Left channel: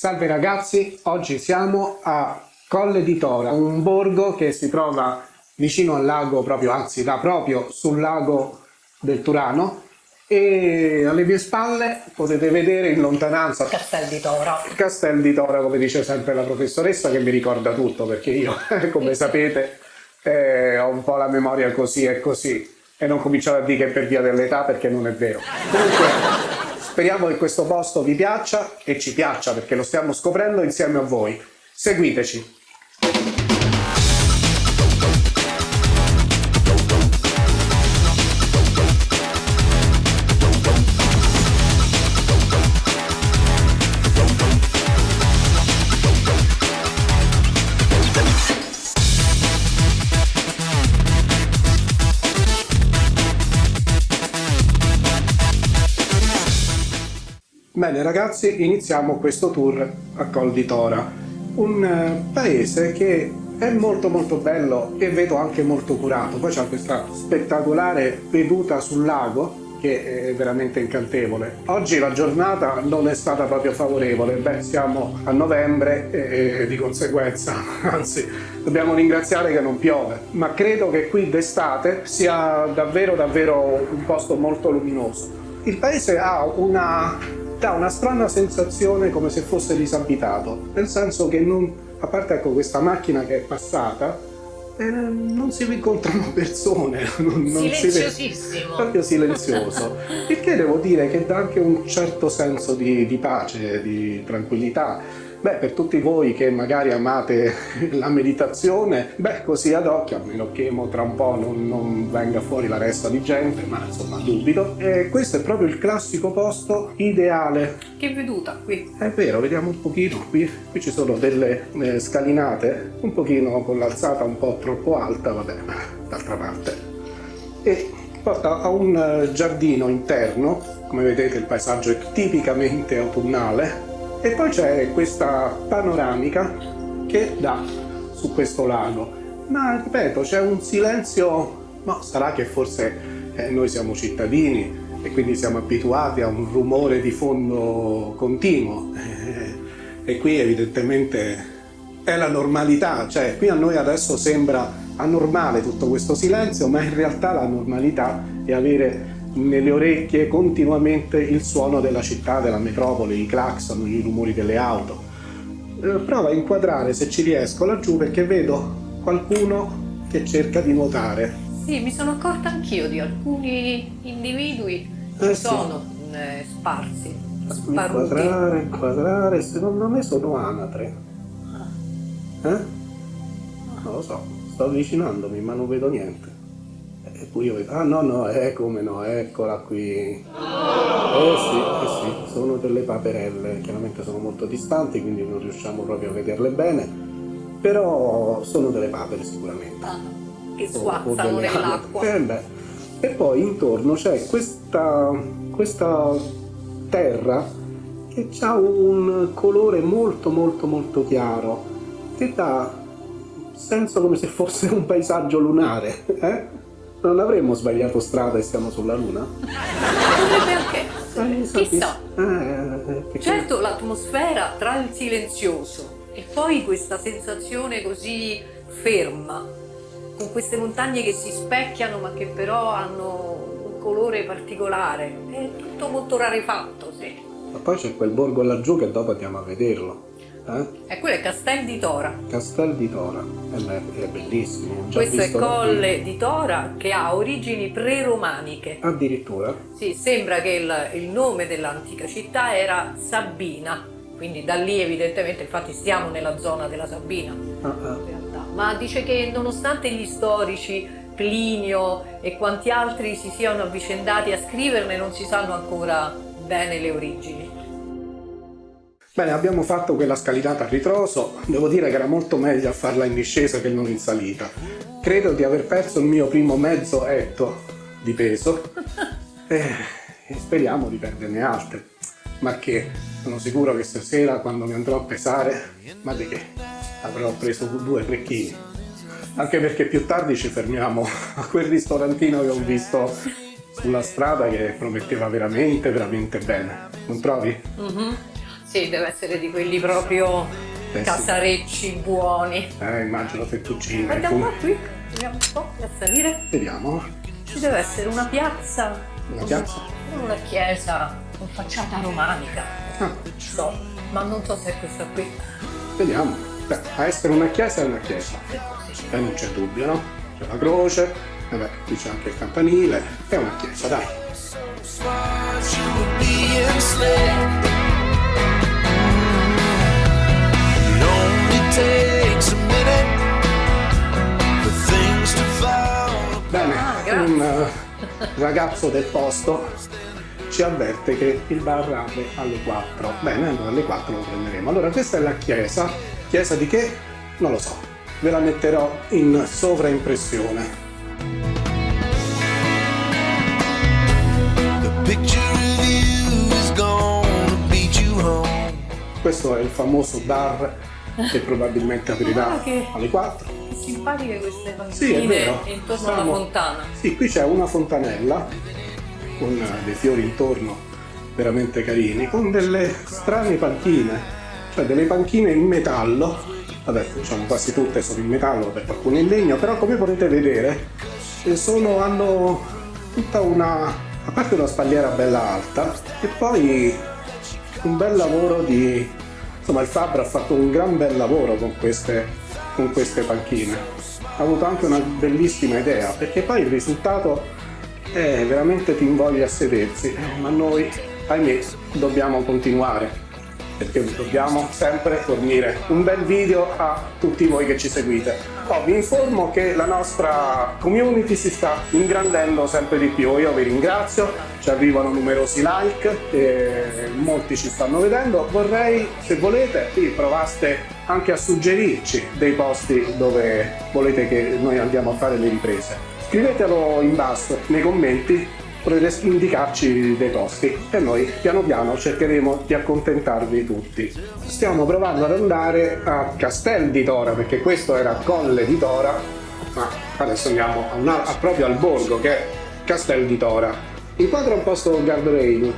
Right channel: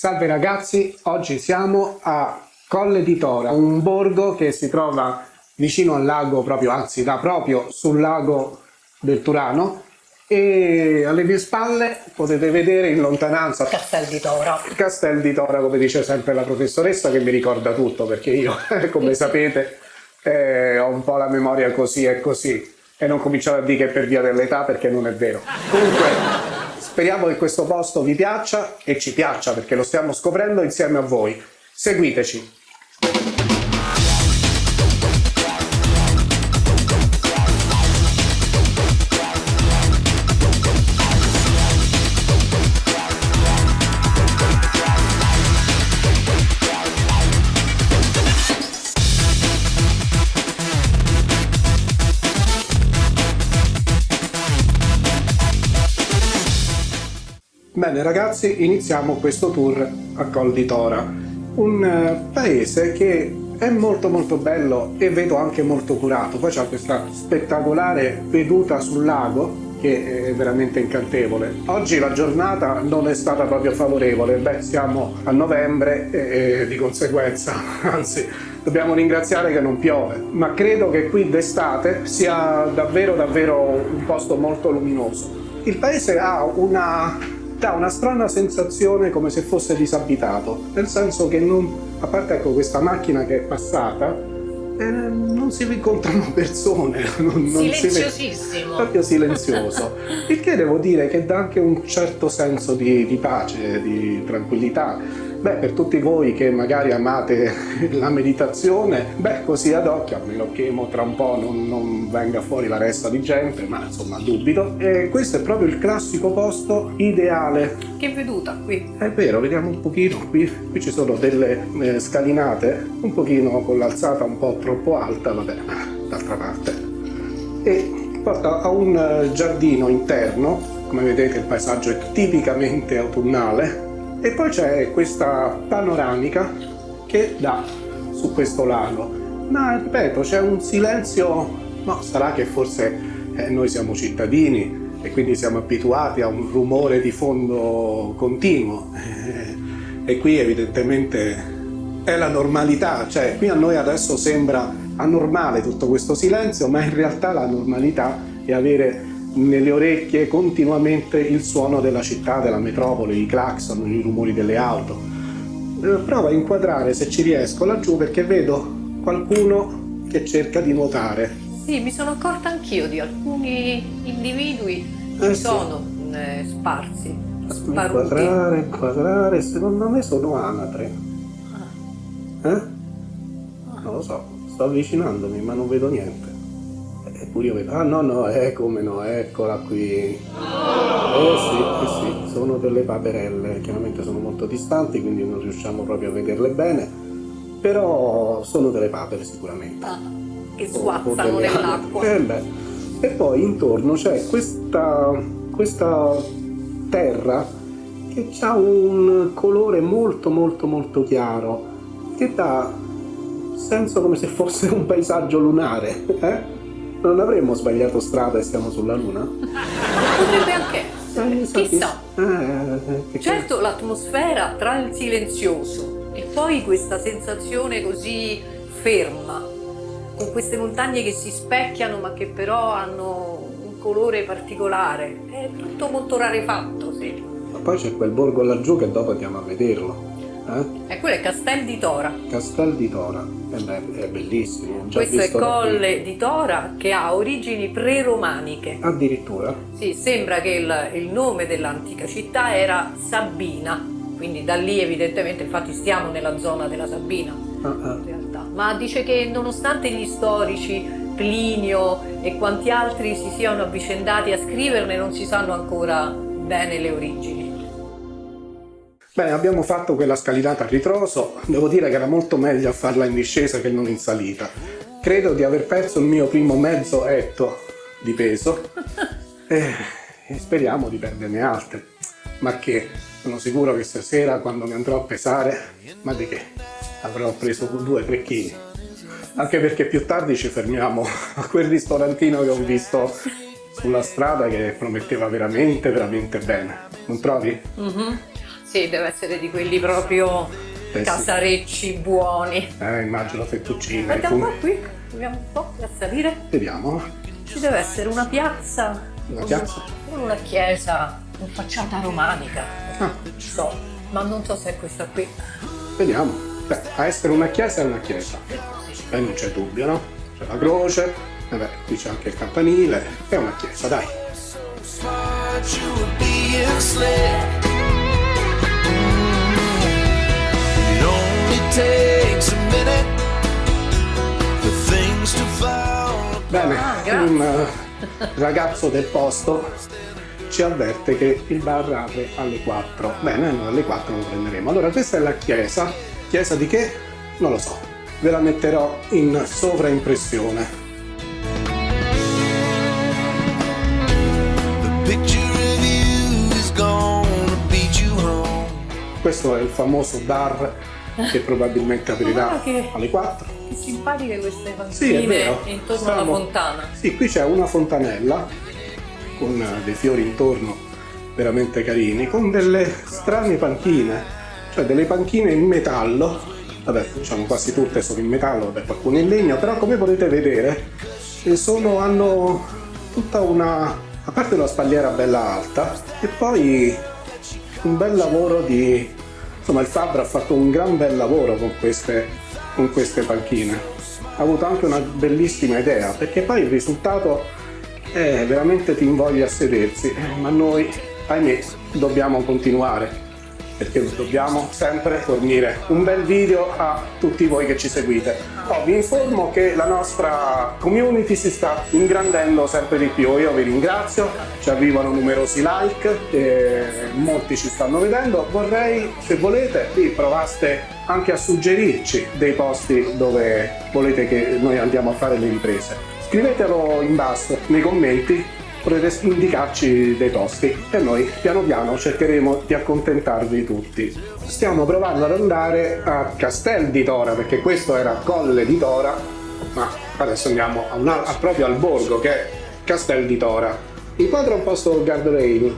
Salve ragazzi, oggi siamo a Colle di Tora, un borgo che si trova vicino al lago proprio, anzi da proprio sul lago del Turano, e alle mie spalle potete vedere in lontananza Castel di Tora. Castel di Tora, come dice sempre la professoressa, che mi ricorda tutto perché io, come sapete, ho un po' la memoria così e così, e non cominciare a dire che è per via dell'età perché non è vero. Speriamo che questo posto vi piaccia e ci piaccia perché lo stiamo scoprendo insieme a voi. Seguiteci! Bene ragazzi, iniziamo questo tour a Col di Tora, un paese che è molto bello e vedo anche molto curato. Poi c'è questa spettacolare veduta sul lago che è veramente incantevole. Oggi la giornata non è stata proprio favorevole, siamo a novembre e di conseguenza, anzi, dobbiamo ringraziare che non piove, ma credo che qui d'estate sia davvero un posto molto luminoso. Il paese ha dà una strana sensazione come se fosse disabitato, nel senso che a parte ecco questa macchina che è passata, non si incontrano persone, Silenziosissimo. proprio silenzioso, il che devo dire che dà anche un certo senso di pace, di tranquillità. Per tutti voi che magari amate la meditazione, così ad occhio, a meno che tra un po' non venga fuori la resta di gente, ma insomma dubito. E questo è proprio il classico posto ideale. Che veduta qui. È vero, vediamo un pochino, qui ci sono delle scalinate, un pochino con l'alzata un po' troppo alta, vabbè, d'altra parte. E porta a un giardino interno, come vedete il paesaggio è tipicamente autunnale. E poi c'è questa panoramica che dà su questo lago. Ma ripeto, c'è un silenzio, no, sarà che forse noi siamo cittadini e quindi siamo abituati a un rumore di fondo continuo. E qui evidentemente è la normalità, cioè qui a noi adesso sembra anormale tutto questo silenzio, ma in realtà la normalità è avere nelle orecchie continuamente il suono della città, della metropoli, i clacson, i rumori delle auto. Provo a inquadrare se ci riesco laggiù perché vedo qualcuno che cerca di nuotare. Sì, mi sono accorta anch'io di alcuni individui che sono sparsi, sparuti. Inquadrare, se non ne sono altre. Non lo so, sto avvicinandomi ma non vedo niente. Eppure io vedo, no, come no, eccola qui. Sì, sono delle paperelle, chiaramente sono molto distanti, quindi non riusciamo proprio a vederle bene, però sono delle papere sicuramente. Che sguazzano nell'acqua. E poi intorno c'è questa terra che ha un colore molto chiaro, che dà senso come se fosse un paesaggio lunare, Non avremmo sbagliato strada e siamo sulla Luna? Potrebbe anche essere, chissà. Certo. Certo, l'atmosfera tra il silenzioso e poi questa sensazione così ferma, con queste montagne che si specchiano ma che però hanno un colore particolare, è tutto molto rarefatto, sì. Poi c'è quel borgo laggiù che dopo andiamo a vederlo. E quello è Castel di Tora. Castel di Tora, è bellissimo. Questo è Colle di Tora che ha origini pre-romaniche. Addirittura? Sì, sembra che il nome dell'antica città era Sabina, quindi da lì evidentemente, infatti stiamo nella zona della Sabina in realtà. Ma dice che nonostante gli storici, Plinio e quanti altri si siano avvicendati a scriverne, non si sanno ancora bene le origini. Bene, abbiamo fatto quella scalinata a ritroso, devo dire che era molto meglio farla in discesa che non in salita. Credo di aver perso il mio primo mezzo etto di peso e speriamo di perderne altre. Ma che sono sicuro che stasera quando mi andrò a pesare, ma di che, avrò preso 2-3 kg. Anche perché più tardi ci fermiamo a quel ristorantino che ho visto sulla strada che prometteva veramente bene. Non trovi? Sì, deve essere di quelli proprio casarecci buoni. Immagino fettuccine. Vediamo qui, vediamo un po' a salire. Vediamo. Ci deve essere una piazza. Una piazza? Una chiesa con facciata romanica. So, ma non so se è questa qui. Vediamo. Beh, a essere una chiesa è una chiesa. Non c'è dubbio, no? C'è la croce, vabbè, qui c'è anche il campanile, è una chiesa, dai. Smart, you were being slick. It only takes a minute for things to fall. Bene, un ragazzo del posto ci avverte che il bar apre alle 4. Bene, allora alle 4 lo prenderemo. Allora questa è la chiesa. Chiesa di che? Non lo so. Ve la metterò in sovraimpressione. The picture of you is gonna beat you home. Questo è il famoso bar che probabilmente aprirà. Che simpatiche queste Sì, è bambine vero. intorno alla fontana. Sì, qui c'è una fontanella con dei fiori intorno veramente carini, con delle strane panchine, cioè delle panchine in metallo. Vabbè, diciamo quasi tutte sono in metallo, perché alcune in legno, però come potete vedere hanno tutta una, a parte la spalliera bella alta, e poi un bel lavoro di, insomma il fabbro ha fatto un gran bel lavoro con queste panchine. Ha avuto anche una bellissima idea, perché poi il risultato è veramente ti invoglia a sedersi, ma noi, ahimè, dobbiamo continuare. Perché dobbiamo sempre fornire un bel video a tutti voi che ci seguite. Vi informo che la nostra community si sta ingrandendo sempre di più. Io vi ringrazio, ci arrivano numerosi like, molti ci stanno vedendo. Vorrei, se volete, provaste anche a suggerirci dei posti dove volete che noi andiamo a fare le riprese. Scrivetelo in basso nei commenti, potete indicarci dei posti e noi piano piano cercheremo di accontentarvi tutti. Stiamo provando ad andare a Castel di Tora, perché questo era Colle di Tora, ma adesso andiamo a sapere l'albergo che è Castel di Tora. Incontro un posto con guardrail.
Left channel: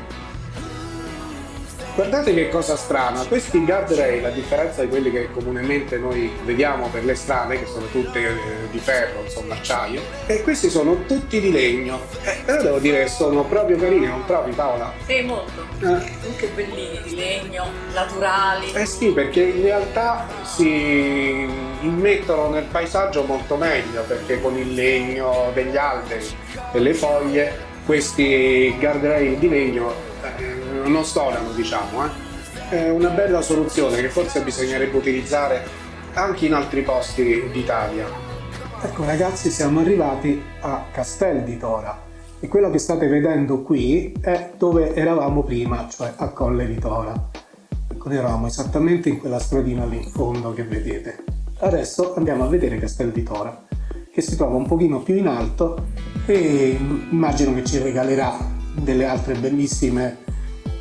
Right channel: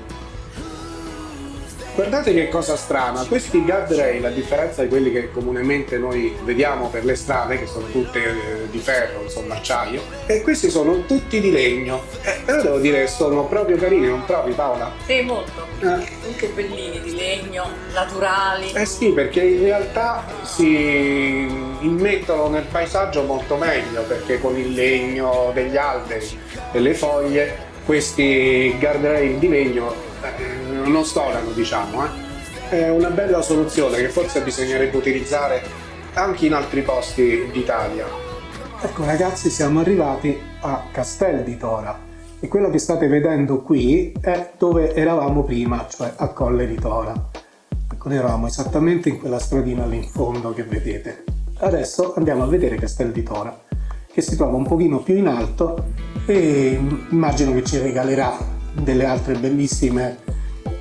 Guardate che cosa strana, questi guardrail, a differenza di quelli che comunemente noi vediamo per le strade, che sono tutte di ferro, insomma acciaio, e questi sono tutti di legno. Però devo dire che sono proprio carini, non trovi Paola? Sì, molto. Di legno, naturali. Eh sì, perché in realtà si immettono nel paesaggio molto meglio, perché con il legno degli alberi, delle foglie, questi guardrail di legno non storano, diciamo. È una bella soluzione che forse bisognerebbe utilizzare anche in altri posti d'Italia. Ecco ragazzi, siamo arrivati a Castel di Tora e quello che state vedendo qui è dove eravamo prima, cioè a Colle di Tora. Noi eravamo esattamente in quella stradina lì in fondo che vedete. Adesso andiamo a vedere Castel di Tora, che si trova un pochino più in alto e immagino che ci regalerà delle altre bellissime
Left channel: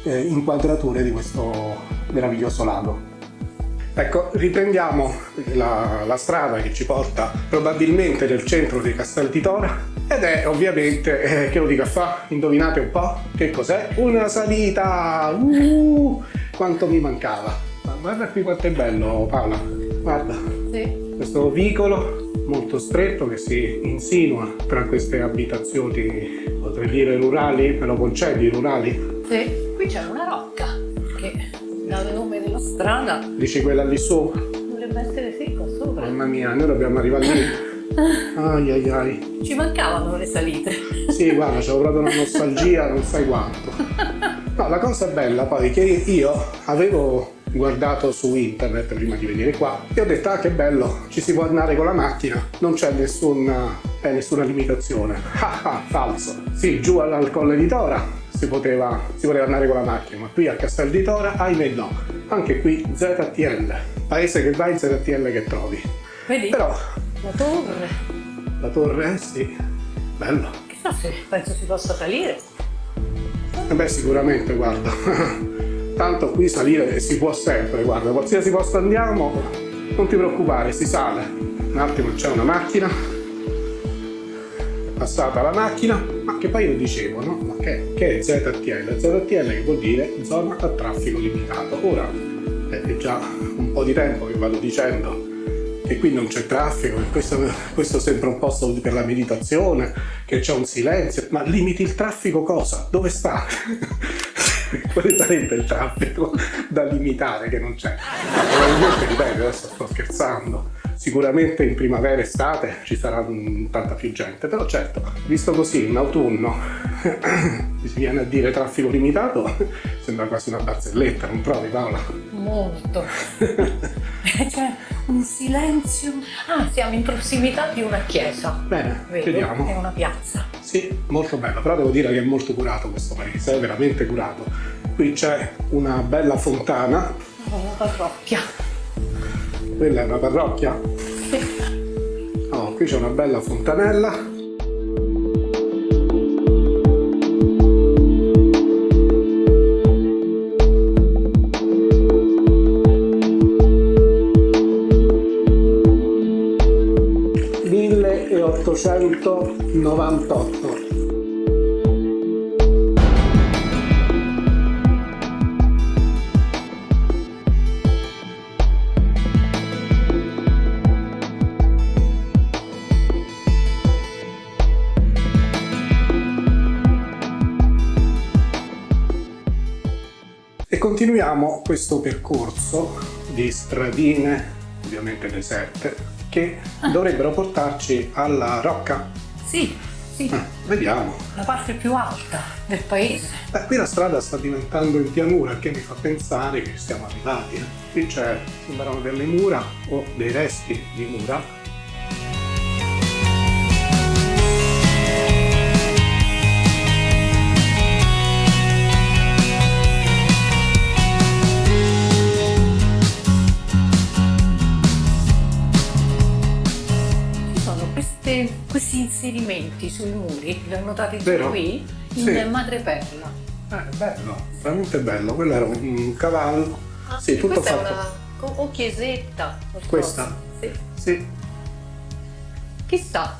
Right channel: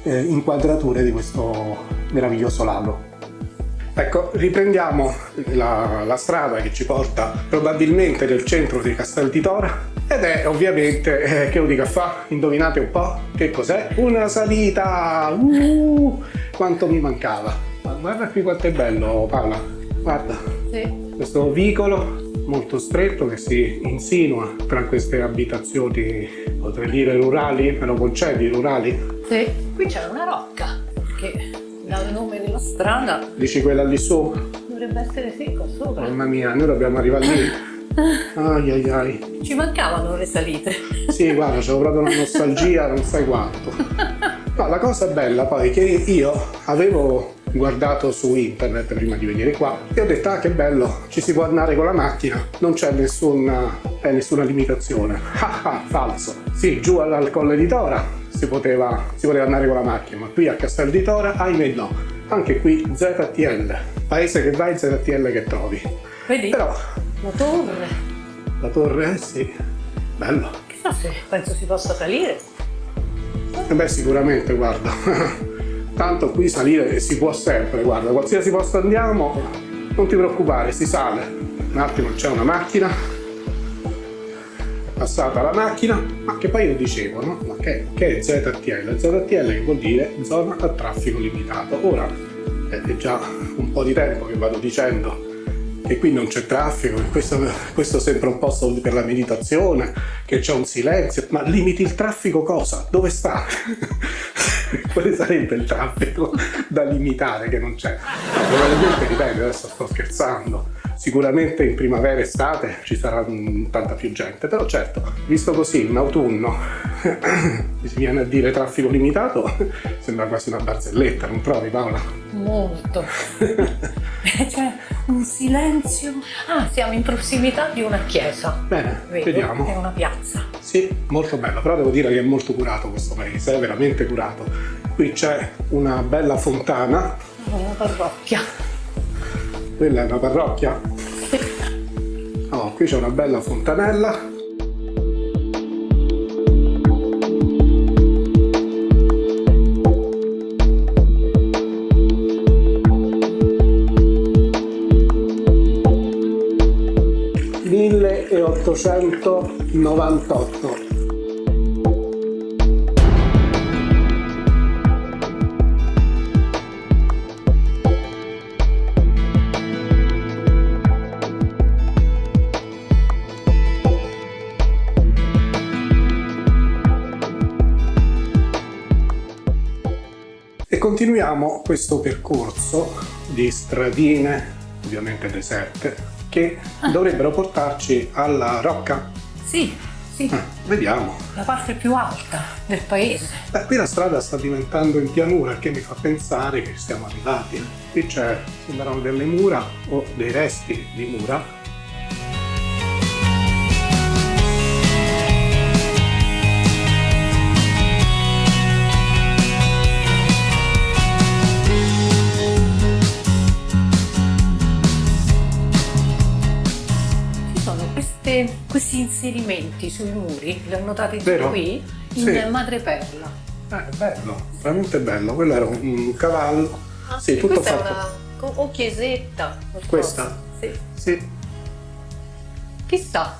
inquadrature di questo meraviglioso lago. Ecco, riprendiamo la strada che ci porta probabilmente nel centro di Castel di Tora ed è ovviamente, che lo dica fa? Indovinate un po'? Che cos'è? Una salita! Quanto mi mancava! Ma guarda qui quanto è bello, Paola! Guarda! Sì. Questo vicolo molto stretto che si insinua tra queste abitazioni, potrei dire rurali, però concetti rurali. Sì. Qui c'è una rocca che dà il nome della strada. Dici quella lì sopra? Dovrebbe essere secco sopra. Mamma mia, noi dobbiamo arrivare lì. Ai ai ai. Ci mancavano le salite. Sì, guarda, c'ho proprio una nostalgia, non sai quanto. Ma la cosa bella poi è che io avevo guardato su internet prima di venire qua e ho detto che bello, ci si può andare con la macchina, non c'è nessuna limitazione. Falso. Sì, giù alle Colle di Tora si poteva andare con la macchina, ma qui a Castel di Tora, ahimè no. Anche qui ZTL, paese che vai, ZTL che trovi. Vedi? Però La torre. sì, bello. Chissà se penso si possa salire. Beh, sicuramente, guarda. Tanto qui salire si può sempre, guarda, qualsiasi posto andiamo, non ti preoccupare, si sale. Un attimo, c'è una macchina, è passata la macchina, ma che poi io dicevo, no? che è ZTL. ZTL vuol dire zona a traffico limitato. Ora è già un po' di tempo che vado dicendo che qui non c'è traffico, che questo sembra un posto per la meditazione, che c'è un silenzio, ma limiti il traffico cosa? Dove sta? Quale sarebbe il traffico da limitare che non c'è? Probabilmente, ripeto, adesso sto scherzando, sicuramente in primavera e estate ci sarà tanta più gente, però certo, visto così in autunno si viene a dire traffico limitato, sembra quasi una barzelletta, non trovi, Paola? Molto. C'è un silenzio. Ah, siamo in prossimità di una chiesa. Bene, Vedi? vediamo. È una piazza. Sì, molto bello, però devo dire che è molto curato questo paese, è veramente curato. Qui c'è una bella fontana. Una parrocchia. Quella è una parrocchia? Oh, qui c'è una bella fontanella. (1898). E continuiamo questo percorso di stradine, ovviamente deserte, che dovrebbero portarci alla Rocca. Sì, sì. Vediamo. La parte più alta del paese. Beh, qui la strada sta diventando in pianura, che mi fa pensare che siamo arrivati. Qui sembrano delle mura o dei resti di mura. Questi inserimenti sui muri, li ho notati Vero? qui, Sì. in madreperla. Bello, veramente bello. Quello era un cavallo. Ah, Sì, tutto questa fatto. è una chiesetta. Questa? Sì. Sì. Chissà.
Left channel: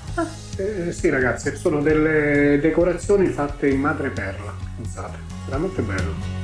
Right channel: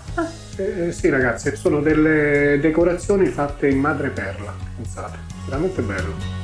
Sì, ragazzi, sono delle decorazioni fatte in madreperla. Pensate, veramente bello.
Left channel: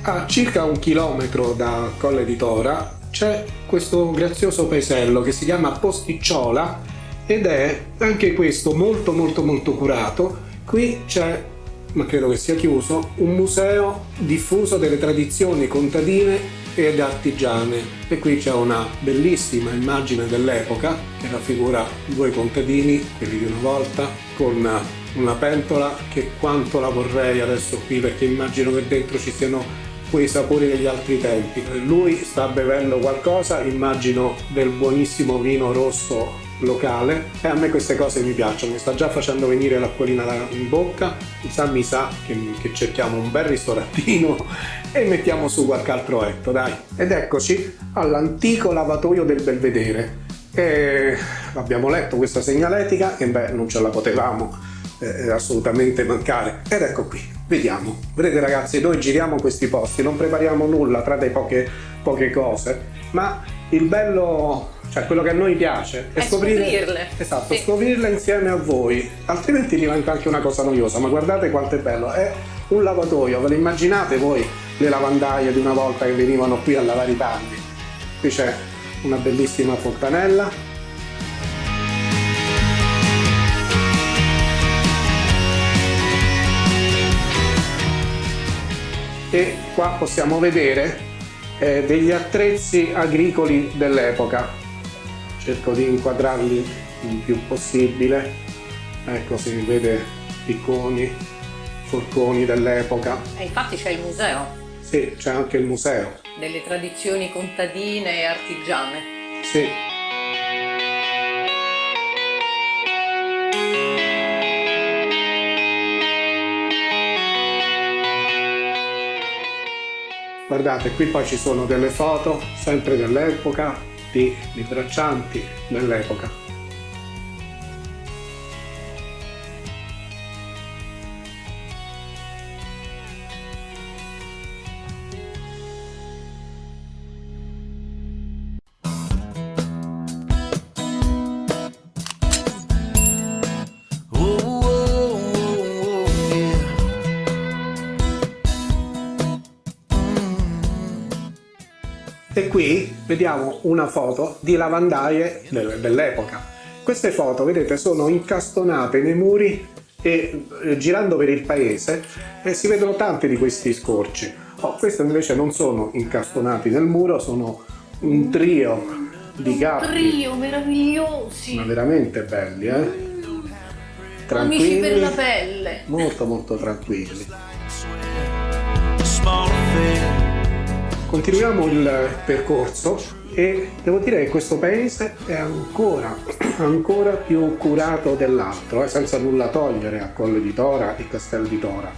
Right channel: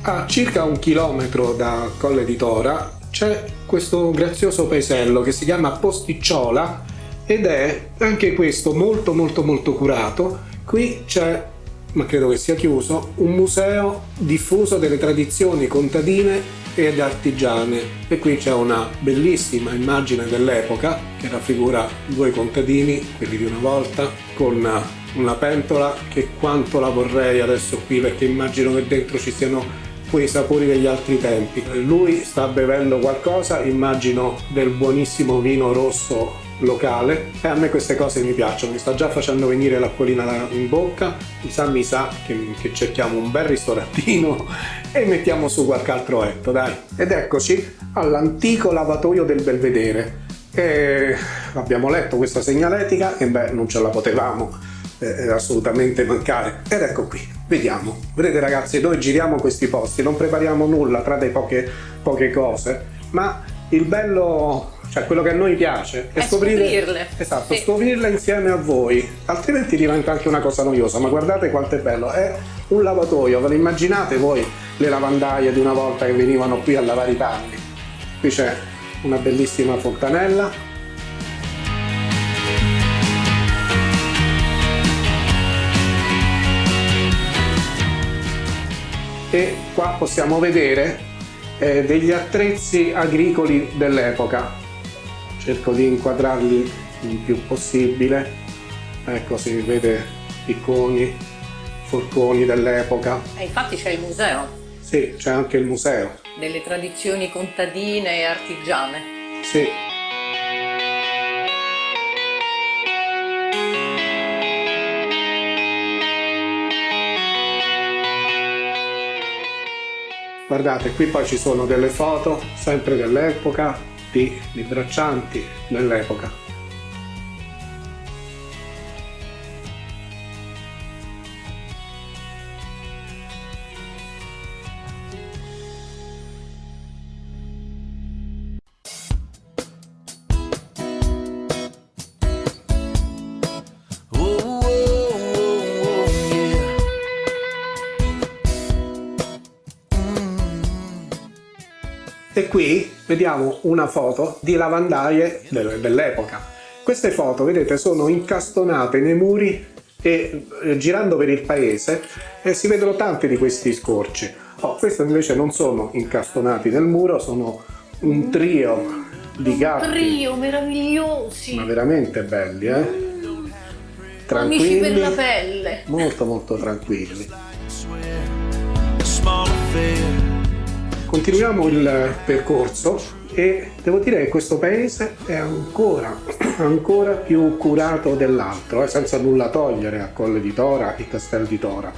A circa 1 chilometro da Colle di Tora c'è questo grazioso paesello che si chiama Posticciola ed è anche questo molto molto molto curato. Qui c'è, ma credo che sia chiuso, un museo diffuso delle tradizioni contadine ed artigiane e qui c'è una bellissima immagine dell'epoca che raffigura 2 contadini, quelli di una volta, con una pentola che quanto la vorrei adesso qui, perché immagino che dentro ci siano quei sapori degli altri tempi. Lui sta bevendo qualcosa, immagino del buonissimo vino rosso locale, e a me queste cose mi piacciono, mi sta già facendo venire l'acquolina in bocca. Mi sa che cerchiamo un bel ristorantino e mettiamo su qualche altro etto, dai. Ed eccoci all'antico lavatoio del Belvedere. Abbiamo letto questa segnaletica e non ce la potevamo assolutamente mancare. Ed ecco qui, vediamo. Vedete ragazzi, noi giriamo questi posti, non prepariamo nulla tra le poche cose, ma il bello, cioè quello che a noi piace è scoprirle. Esatto, sì. Scoprirle insieme a voi, altrimenti diventa anche una cosa noiosa. Ma guardate quanto è bello, è un lavatoio, ve lo immaginate voi le lavandaie di una volta che venivano qui a lavare i panni? Qui c'è una bellissima fontanella. E qua possiamo vedere degli attrezzi agricoli dell'epoca. Cerco di inquadrarli il più possibile. Ecco, si vede picconi, forconi dell'epoca. Infatti c'è il museo Sì, c'è anche il museo. delle tradizioni contadine e artigiane. Sì. Guardate, qui poi ci sono delle foto, sempre dell'epoca, di braccianti dell'epoca. E qui vediamo una foto di lavandaie dell'epoca. Queste foto, vedete, sono incastonate nei muri e girando per il paese si vedono tanti di questi scorci. Questi invece non sono incastonati nel muro, sono un trio di gatti. Trio meravigliosi. Ma veramente belli, Amici per la tranquilli, pelle. molto molto tranquilli. A small affair. Continuiamo il percorso e devo dire che questo paese è ancora più curato dell'altro, senza nulla togliere a quello di Tora, il castello di Tora.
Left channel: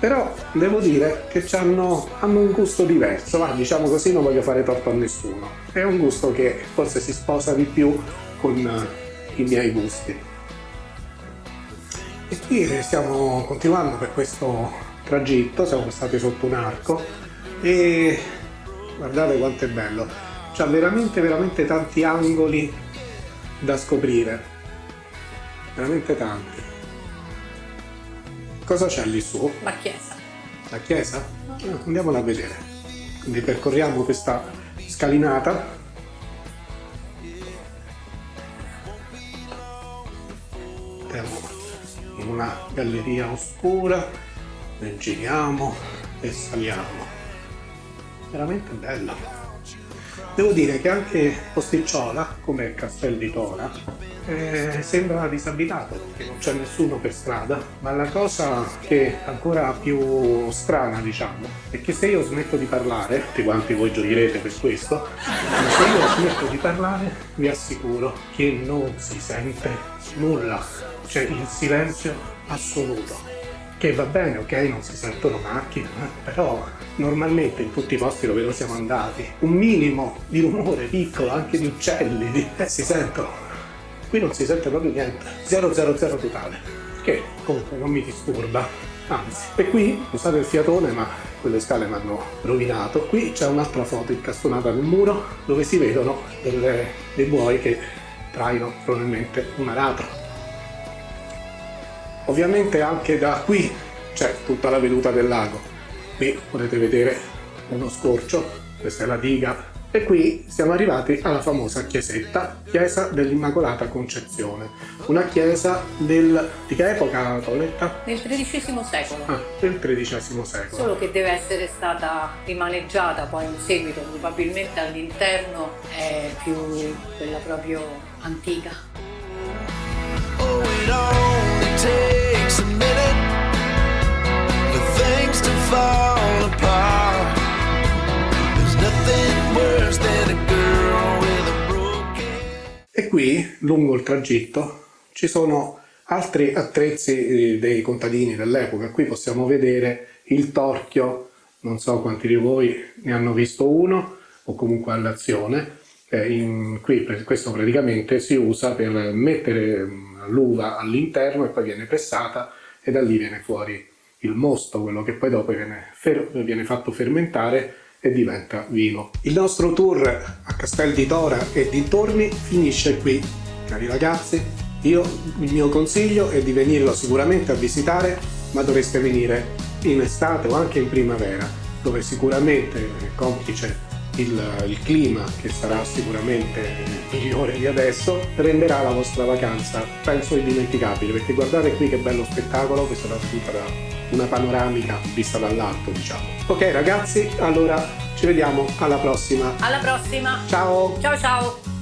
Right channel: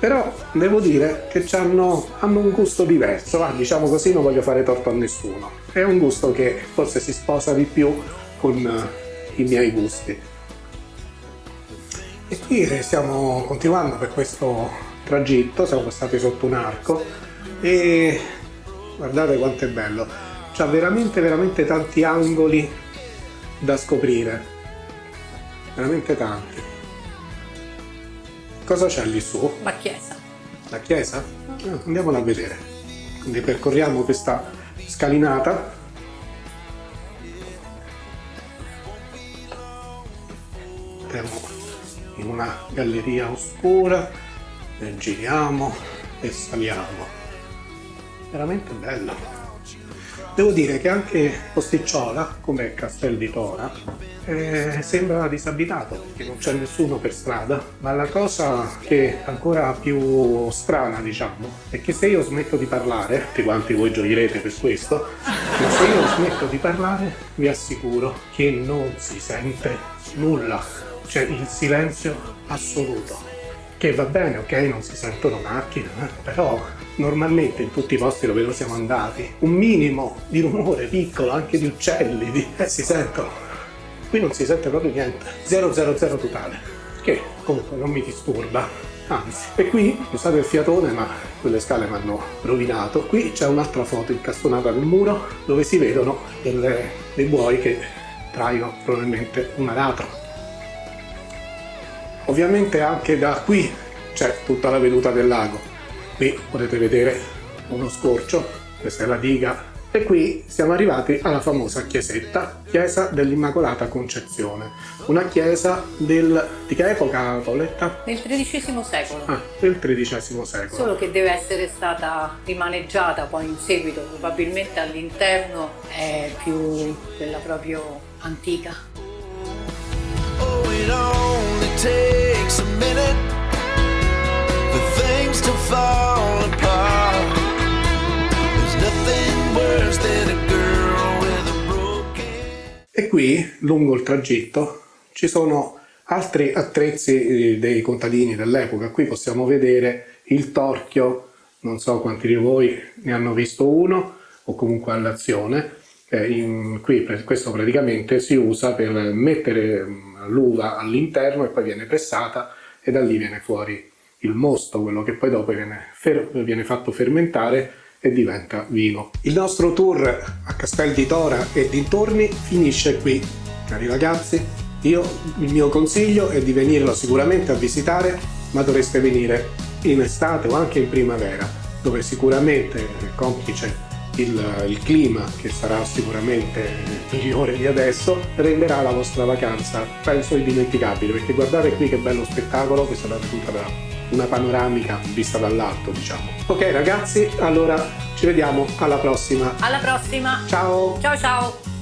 Però devo dire che hanno un gusto diverso, diciamo così, non voglio fare torto a nessuno. È un gusto che forse si sposa di più con i miei gusti. E qui stiamo continuando per questo tragitto, siamo stati sotto un arco e guardate quanto è bello, c'ha veramente tanti angoli da scoprire, veramente tanti. Cosa c'è lì su? Ma chiesa. La chiesa? Andiamola a vedere. Quindi percorriamo questa scalinata. In una galleria oscura, ne giriamo e saliamo. Veramente bello. Devo dire che anche Posticciola, come Castel di Tora, sembra disabitato perché non c'è nessuno per strada, ma la cosa che è ancora più strana, diciamo, è che se io smetto di parlare, tutti quanti voi gioirete per questo, se io smetto di parlare vi assicuro che non si sente nulla, c'è il silenzio assoluto. Che va bene, ok, non si sentono macchine, però normalmente in tutti i posti dove noi siamo andati un minimo di rumore piccolo, anche di uccelli, si sentono. Qui non si sente proprio niente, 000 totale, che comunque non mi disturba, anzi. E qui, scusate il fiatone, ma quelle scale mi hanno rovinato. Qui c'è un'altra foto incastonata nel muro dove si vedono dei buoi che traino probabilmente una ladra. Ovviamente anche da qui c'è tutta la veduta del lago. Qui potete vedere uno scorcio, questa è la diga. E qui siamo arrivati alla famosa chiesetta, chiesa dell'Immacolata Concezione. Una chiesa di che epoca, Antonetta? Del XIII secolo. Del XIII secolo. Solo che deve essere stata rimaneggiata poi in seguito, probabilmente all'interno è più quella proprio antica. Oh, it only takes a minute for things to fall apart. There's nothing worse than a girl with a broken. E qui, lungo il tragitto, ci sono altri attrezzi dei contadini dell'epoca. Qui possiamo vedere il torchio, non so quanti di voi ne hanno visto uno, o comunque all'azione. Qui questo praticamente si usa per mettere l'uva all'interno e poi viene pressata e da lì viene fuori il mosto, quello che poi dopo viene fatto fermentare e diventa vino. Il nostro tour a Castel di Tora e dintorni finisce qui. Cari ragazzi, il mio consiglio è di venirlo sicuramente a visitare, ma dovreste venire in estate o anche in primavera, dove sicuramente complice il clima, che sarà sicuramente migliore di adesso, renderà la vostra vacanza penso indimenticabile, perché guardate qui che bello spettacolo, questa è tutta una panoramica vista dall'alto, diciamo. Ok ragazzi, allora ci vediamo alla prossima. Alla prossima! Ciao! Ciao ciao!